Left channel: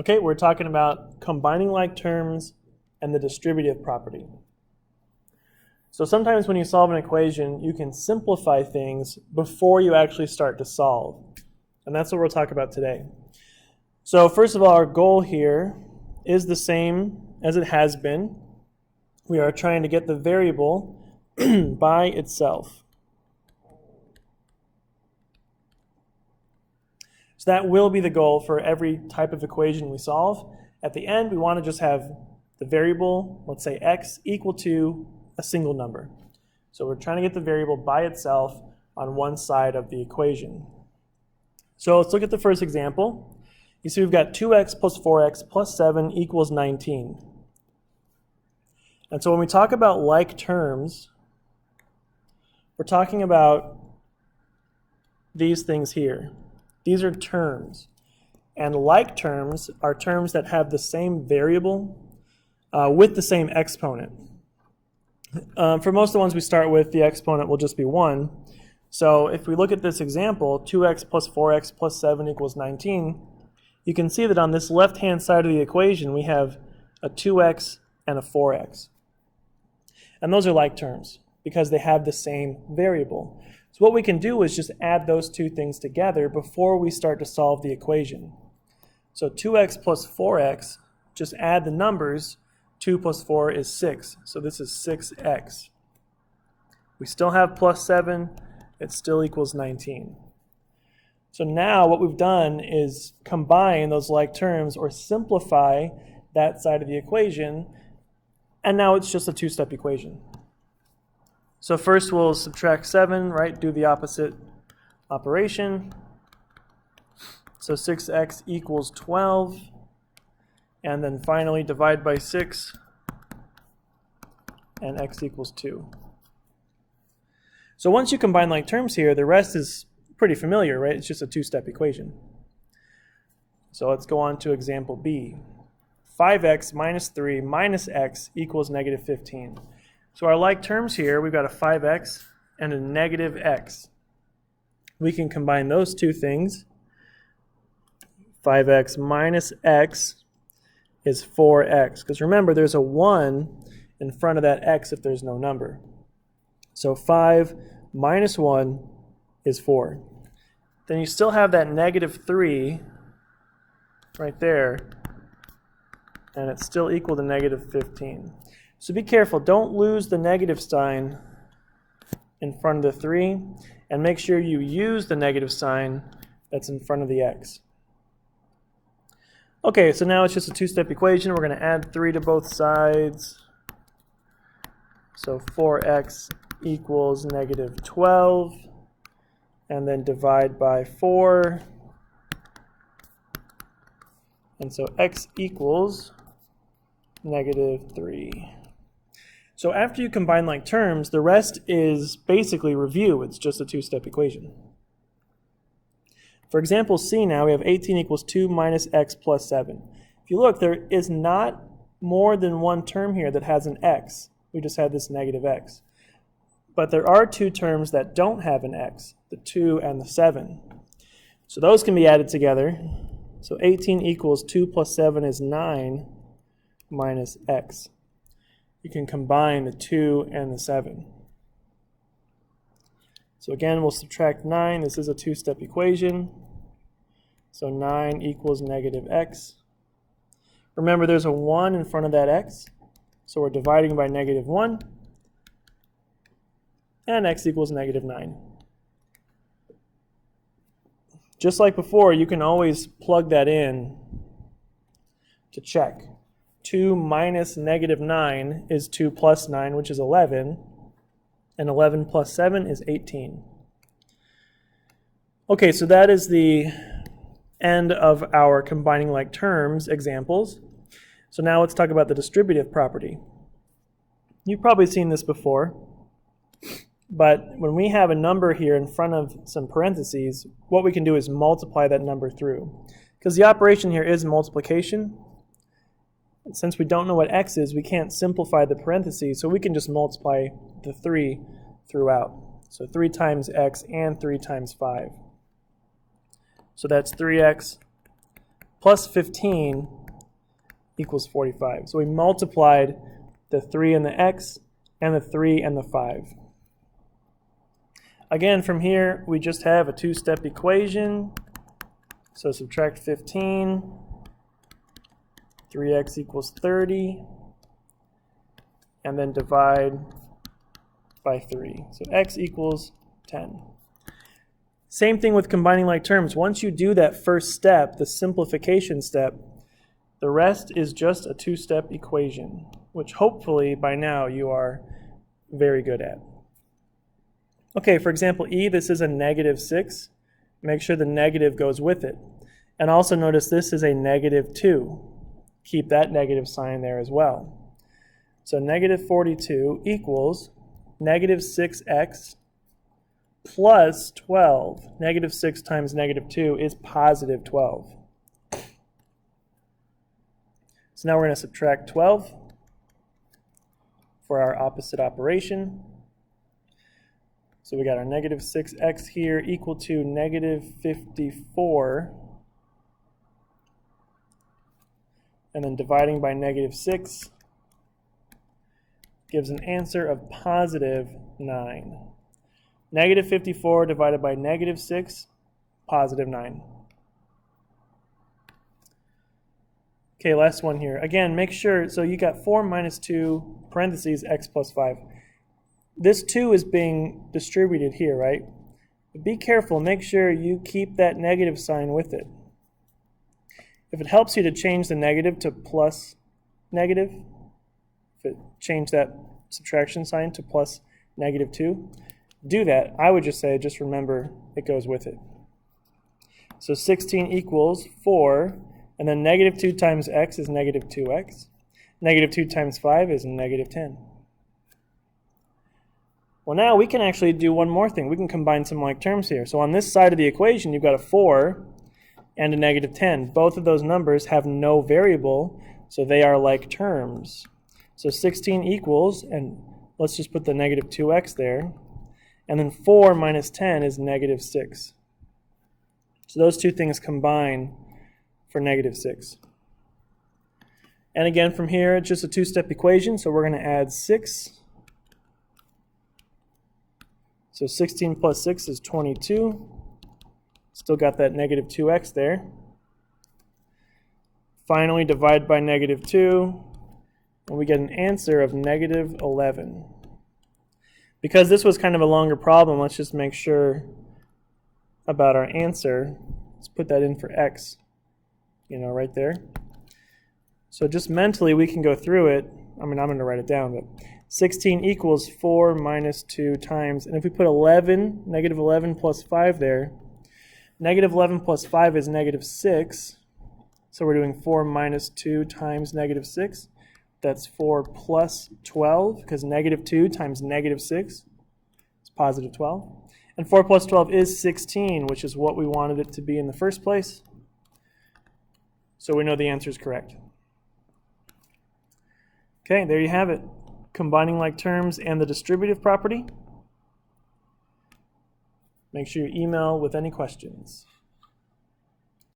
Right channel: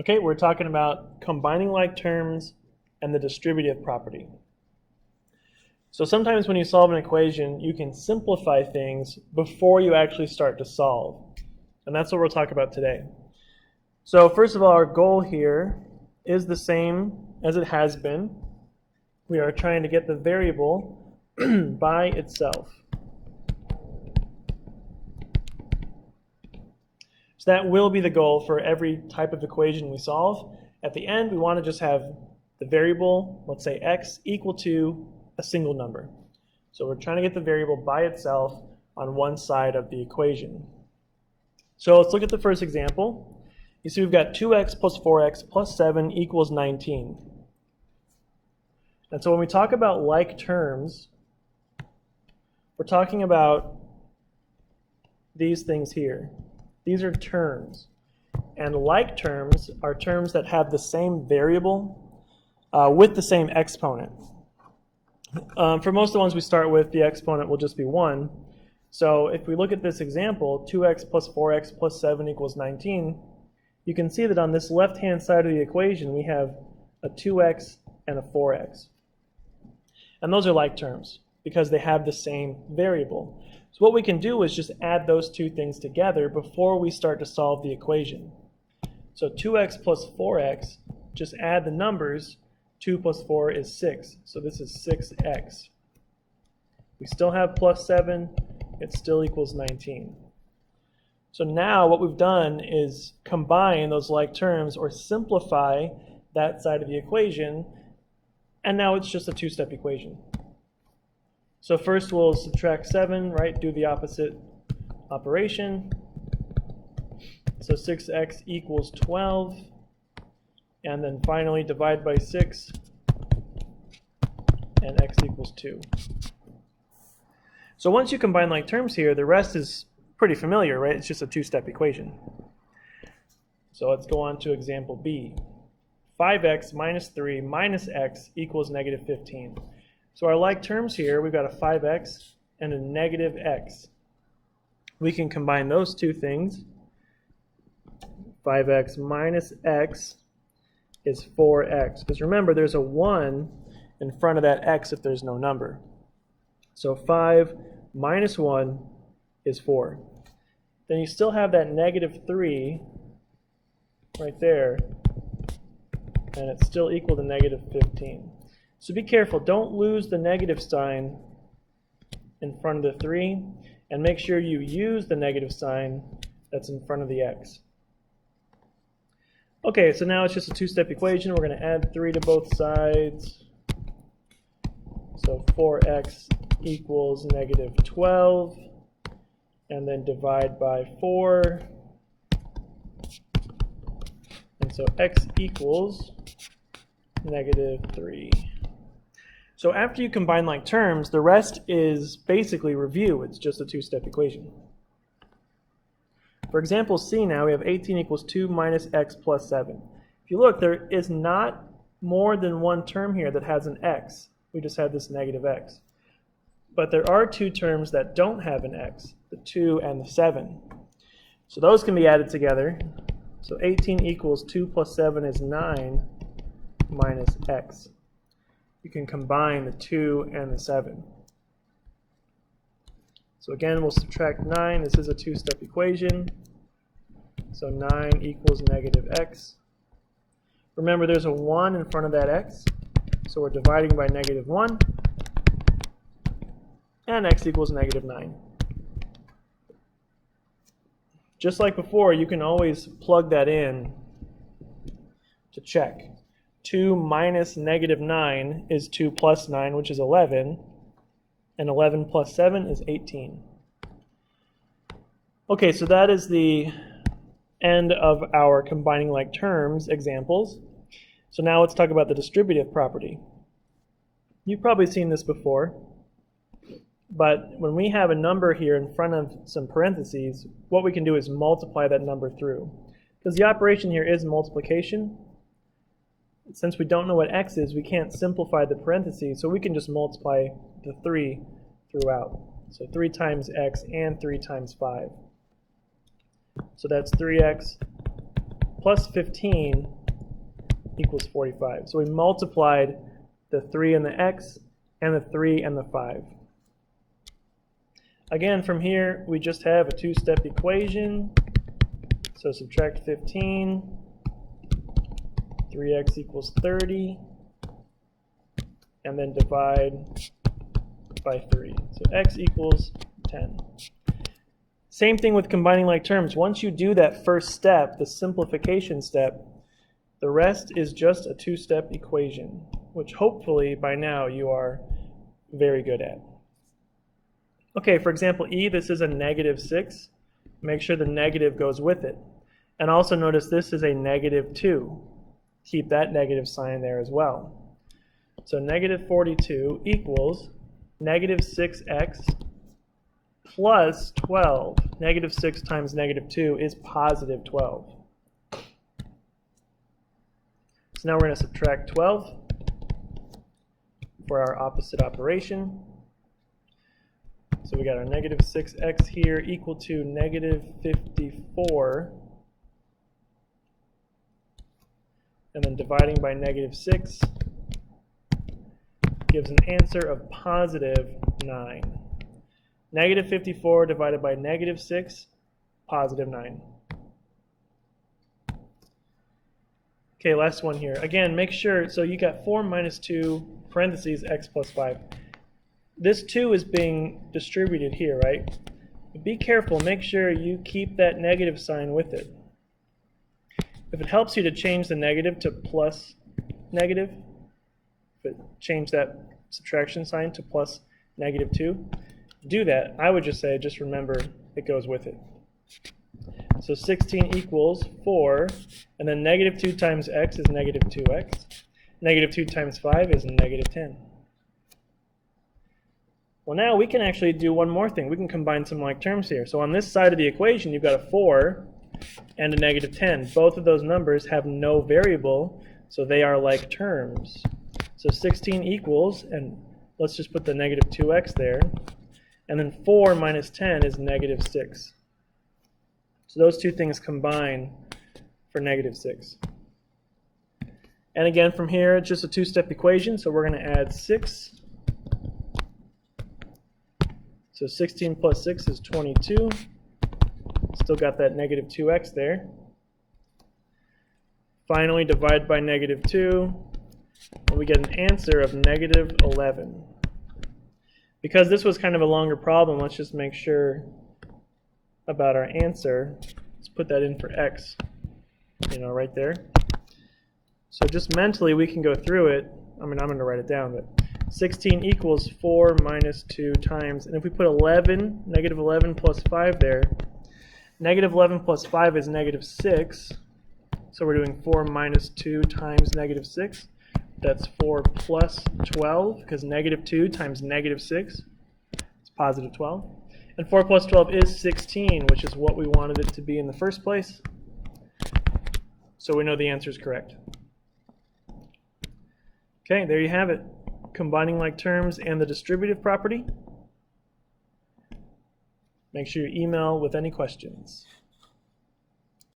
Okay, we're talking about combining like terms and the distributive property. So sometimes when you solve an equation, you can simplify things before you actually start to solve. And that's what we'll talk about today. So first of all, our goal here is the same as it has been. We are trying to get the variable by itself. So that will be the goal for every type of equation we solve. At the end, we want to just have the variable, let's say x, equal to a single number. So we're trying to get the variable by itself on one side of the equation. So let's look at the first example. You see we've got 2x plus 4x plus 7 equals 19. And so when we talk about like terms, we're talking about these things here. These are terms. And like terms are terms that have the same variable with the same exponent. For most of the ones we start with, the exponent will just be 1. So if we look at this example, 2x plus 4x plus 7 equals 19, you can see that on this left-hand side of the equation, we have a 2x and a 4x. And those are like terms because they have the same variable. So what we can do is just add those two things together before we start to solve the equation. So 2x plus 4x, just add the numbers. 2 plus 4 is 6. So this is 6x. We still have plus 7. It still equals 19. So now what we've done is combine those like terms or simplify that side of the equation. And now it's just a two-step equation. So first we'll subtract 7, right? Do the opposite operation. So 6x equals 12. And then finally divide by 6, and x equals 2. So once you combine like terms here, the rest is pretty familiar, right? It's just a two-step equation. So let's go on to example B. 5x minus 3 minus x equals negative 15. So our like terms here, we've got a 5x and a negative x. We can combine those two things. 5x minus x is 4x. Because remember, there's a 1 in front of that x if there's no number. So 5 minus 1 is 4. Then you still have that negative 3 right there, and it's still equal to negative 15. So be careful. Don't lose the negative sign in front of the 3, and make sure you use the negative sign that's in front of the x. Okay, so now it's just a two-step equation. We're going to add 3 to both sides. So 4x equals negative 12. And then divide by 4. And so x equals negative 3. So after you combine like terms, the rest is basically review. It's just a two-step equation. For example C now, we have 18 equals 2 minus x plus 7. If you look, there is not more than one term here that has an x. We just had this negative x. But there are two terms that don't have an x, the 2 and the 7. So those can be added together. So 18 equals 2 plus 7 is 9 minus x. You can combine the 2 and the 7. So again, we'll subtract 9. This is a two-step equation. So 9 equals negative x. Remember, there's a 1 in front of that x. So we're dividing by negative 1. And x equals negative 9. Just like before, you can always plug that in to check. 2 minus negative 9 is 2 plus 9, which is 11. And 11 plus 7 is 18. Okay, so that is the end of our combining like terms examples. So now let's talk about the distributive property. You've probably seen this before, but when we have a number here in front of some parentheses, what we can do is multiply that number through. Because the operation here is multiplication. Since we don't know what x is, we can't simplify the parentheses, so we can just multiply the 3 throughout. So 3 times x and 3 times 5. So that's 3x plus 15 equals 45. So we multiplied the 3 and the x and the 3 and the 5. Again, from here, we just have a two-step equation. So subtract 15, 3x equals 30, and then divide by 3. So x equals 10. Same thing with combining like terms. Once you do that first step, the simplification step, the rest is just a two-step equation, which hopefully by now you are very good at. Okay, for example, E, this is a -6. Make sure the negative goes with it. And also notice this is a -2. Keep that negative sign there as well. So -42 equals -6x plus 12. -6 times -2 is positive 12. So now we're going to subtract 12 for our opposite operation. So we got our -6x here equal to -54. And then dividing by -6 gives an answer of positive 9. -54 divided by -6, positive 9. Okay, last one here. Again, make sure, so you got 4 minus 2, parentheses, x plus 5. This 2 is being distributed here, right? But be careful, make sure you keep that negative sign with it. If it helps you to change the negative to plus negative, change that subtraction sign to plus -2, do that. I would just say, just remember, it goes with it. So 16 equals 4, and then -2 times x is -2x. -2 times 5 is -10. Well, now we can actually do one more thing. We can combine some like terms here. So on this side of the equation, you've got a 4 and a -10. Both of those numbers have no variable, so they are like terms. So 16 equals, and let's just put the -2x there, and then 4 minus 10 is -6. So those two things combine for -6. And again, from here, it's just a two-step equation, so we're going to add 6. So 16 plus 6 is 22. Still got that -2x there. Finally, divide by -2, and we get an answer of -11. Because this was kind of a longer problem, let's just make sure about our answer. Let's put that in for x, right there. So just mentally, we can go through it. I mean, I'm going to write it down, but 16 equals 4 minus 2 times, and if we put 11, -11 plus 5 there, -11 plus 5 is -6, so we're doing 4 minus 2 times -6. That's 4 plus 12, because -2 times -6 is positive 12. And 4 plus 12 is 16, which is what we wanted it to be in the first place. So we know the answer is correct. Okay, there you have it. Combining like terms and the distributive property. Make sure you email with any questions.